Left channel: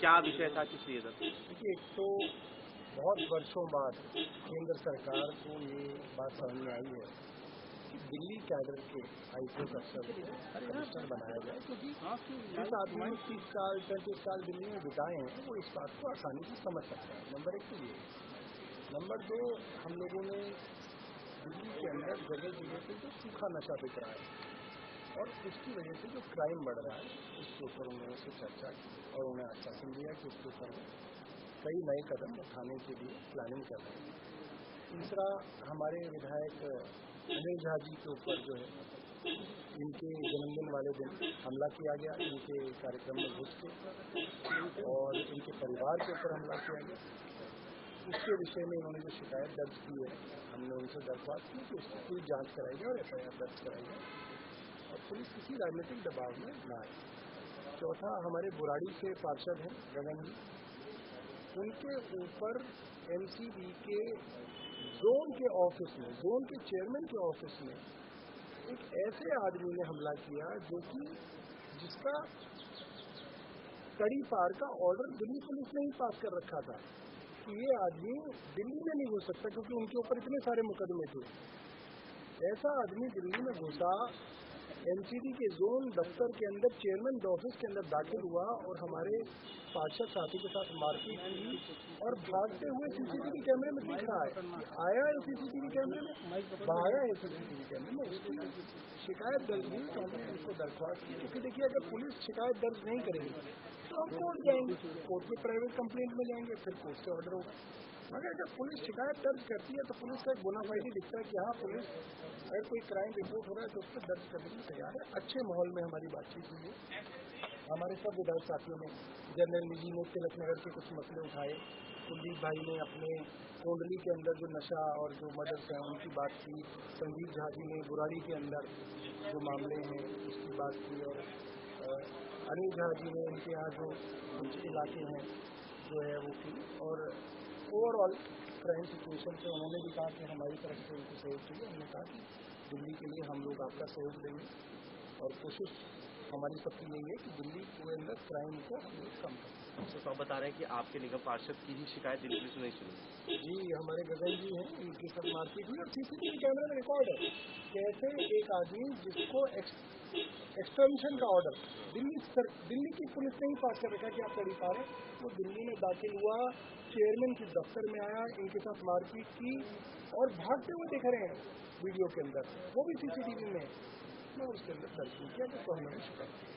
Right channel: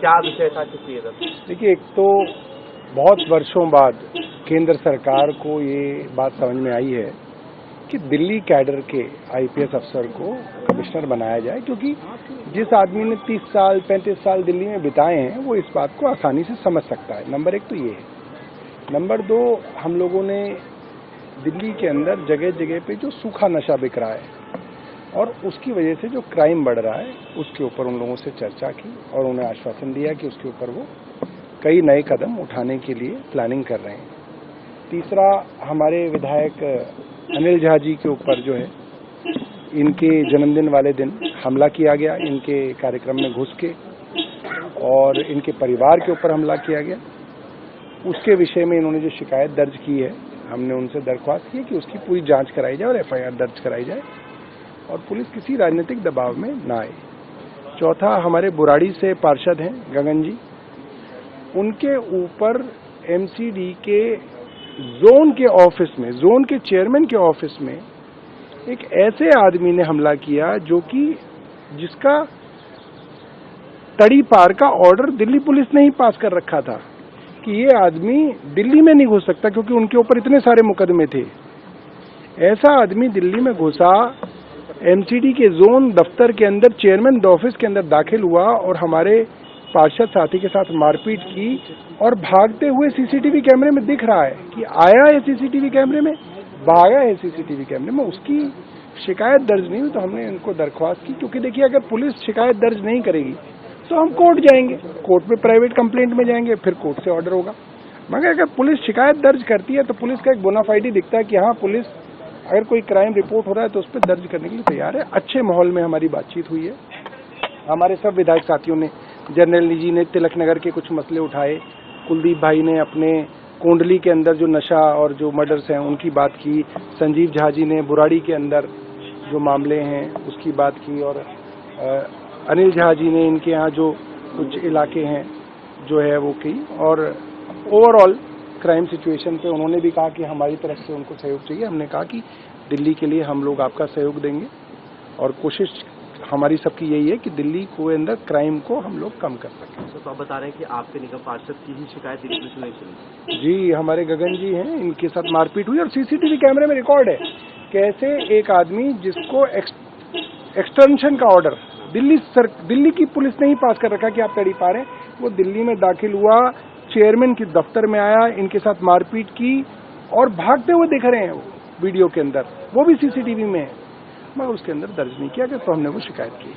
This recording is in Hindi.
क्या विषय था, किस लिए था? देखिए, एक तो बहुत वर्षों बाद केंद्र सरकार को ये बात समझ में आई है कि दिल्ली कैडर के आईपीएस अफसर को कमिश्नर बनाया जाए, क्योंकि जिस आदमी ने 30 साल 35 साल दिल्ली में बिताए हैं वो इस बात को आसानी से समझ सकता है। नंबर एक तो ये है। नंबर दो, हम लोगों ने दिल्ली के अंदर जगह जगह पे जो सूखा नशा बिक रहा है और उसकी वजह से जो क्राइम बढ़ रहा है उसके ऊपर उन लोगों से चर्चा की और उन्हें आश्वासन दिया कि उसके ऊपर वो कई नए कदम उठाने के लिए प्लानिंग कर रहे हैं। तीसरा, हमारे विधायक अनिल झा जी के ऊपर जो है, इनके जन्मदिन वाले दिन हमला किया गया, इनके कार्यक्रम में घुस के, और इनके परिवार के ऊपर हमला किया गया। उसके विषय में इन्होंने जो शिकायत दर्ज की है, हमने उनसे दरख्वास्त की है कि उसकी पूरी जांच कराई जाए और एफआईआर दर्ज कराई जाए और पुलिस किसी राजनीतिक दबाव में ना आए। चौथा, हमारे बुराड़ी से पार्षद हैं गगन जी, उनके ऊपर एमसीडी के जोन के ऑफिस में, जोन के चेयरमैन के ऑफिस में एक ऐसे आदमी ने हमला किया जो कि जिसका तड़ी पार का ऑर्डर दिल्ली पुलिस ने ही पास कर रखा था कि ये आदमी दिल्ली में नहीं घुस सकता, क्योंकि उनके ऊपर इतने सारे मुकदमे थे। ऐसा आदमी दिल्ली में घुसा, एमसीडी के जोन दफ्तर के अंदर चेयरमैन ऑफिस के अंदर दाखिल हुआ और हमारे पार्षद साथी के साथ मारपीट की और भागते हुए सीसीटीवी कैमरे में दिख रहा है कि आया है सीसीटीवी कैमरे में, भागा है सीसीटीवी कैमरे में। उसकी शिकायत दर्ज नहीं हुई तो हमने इनको दरख्वास्त की, क्योंकि देखिए अगर पुलिस शिकायत दर्ज नहीं करेगी तो हम कोर्ट जाएंगे, कोर्ट में प्राइवेट कंप्लेंट में जाएंगे, फिर कोर्ट से ऑर्डर होगा। मगर अगर पुलिस शिकायत दर्ज करती है तो पुलिस का एक बोनाफाइड दिखता है कि हाँ, पुलिस अगर कोई क्राइम रिपोर्ट हो रहा है तो उस पर दर्ज करने के लिए तैयार है। अच्छे माहौल में हमारी बातचीत हुई है। हमारे सब विधायक साथियों ने, जनरल जी ने तिलक नगर के कुछ मसले उठाए, कुलदीप भाई ने अपने कोंडली के अंदर जो नशा और जो मर्डर्स हैं उनकी बात की, संजीव झा जी ने बुराड़ी के अंदर जो मामले हैं उसकी बात की, और अनिल झा जी ने इनके यहाँ जो कुछ इलाके हैं जो है वो की, और ओवरऑल क्राइम सिचुएशन पे उन्होंने भी कहा कि हमारी तरफ से उनको सहयोग चाहिए। हमने कहा कि दिल्ली के लिए हम लोग आपका सहयोग देंगे और कोशिश हमारी सबकी यही है कि दिल्ली के अंदर क्राइम को हम लोग कम कर सकें। तो आप बता रहे हैं कि आपके निगम पार्षद की ही शिकायत दिल्ली पुलिस नहीं सुनी? जी, हमारे गगन जी हैं, इनके साथ मारपीट हुई और सीसीटीवी कैमरे में रिकॉर्ड है कैसे एक आदमी जिसको एक्सटेंशन का ऑर्डर दिल्ली की पुलिस ने ही पास कर रखा कि आप तड़ी पा रहे हैं, वो दिल्ली में दाखिल हुआ, चेयरमैन के दफ्तर में आया, इनके साथ मारपीट की और भागते हुए दिख रहे हैं वो वीडियो के अंदर, वो भी सीसीटीवी में है। मैं उसके अंदर दर्ज नहीं किया गया तो हमने वो शिकायत की।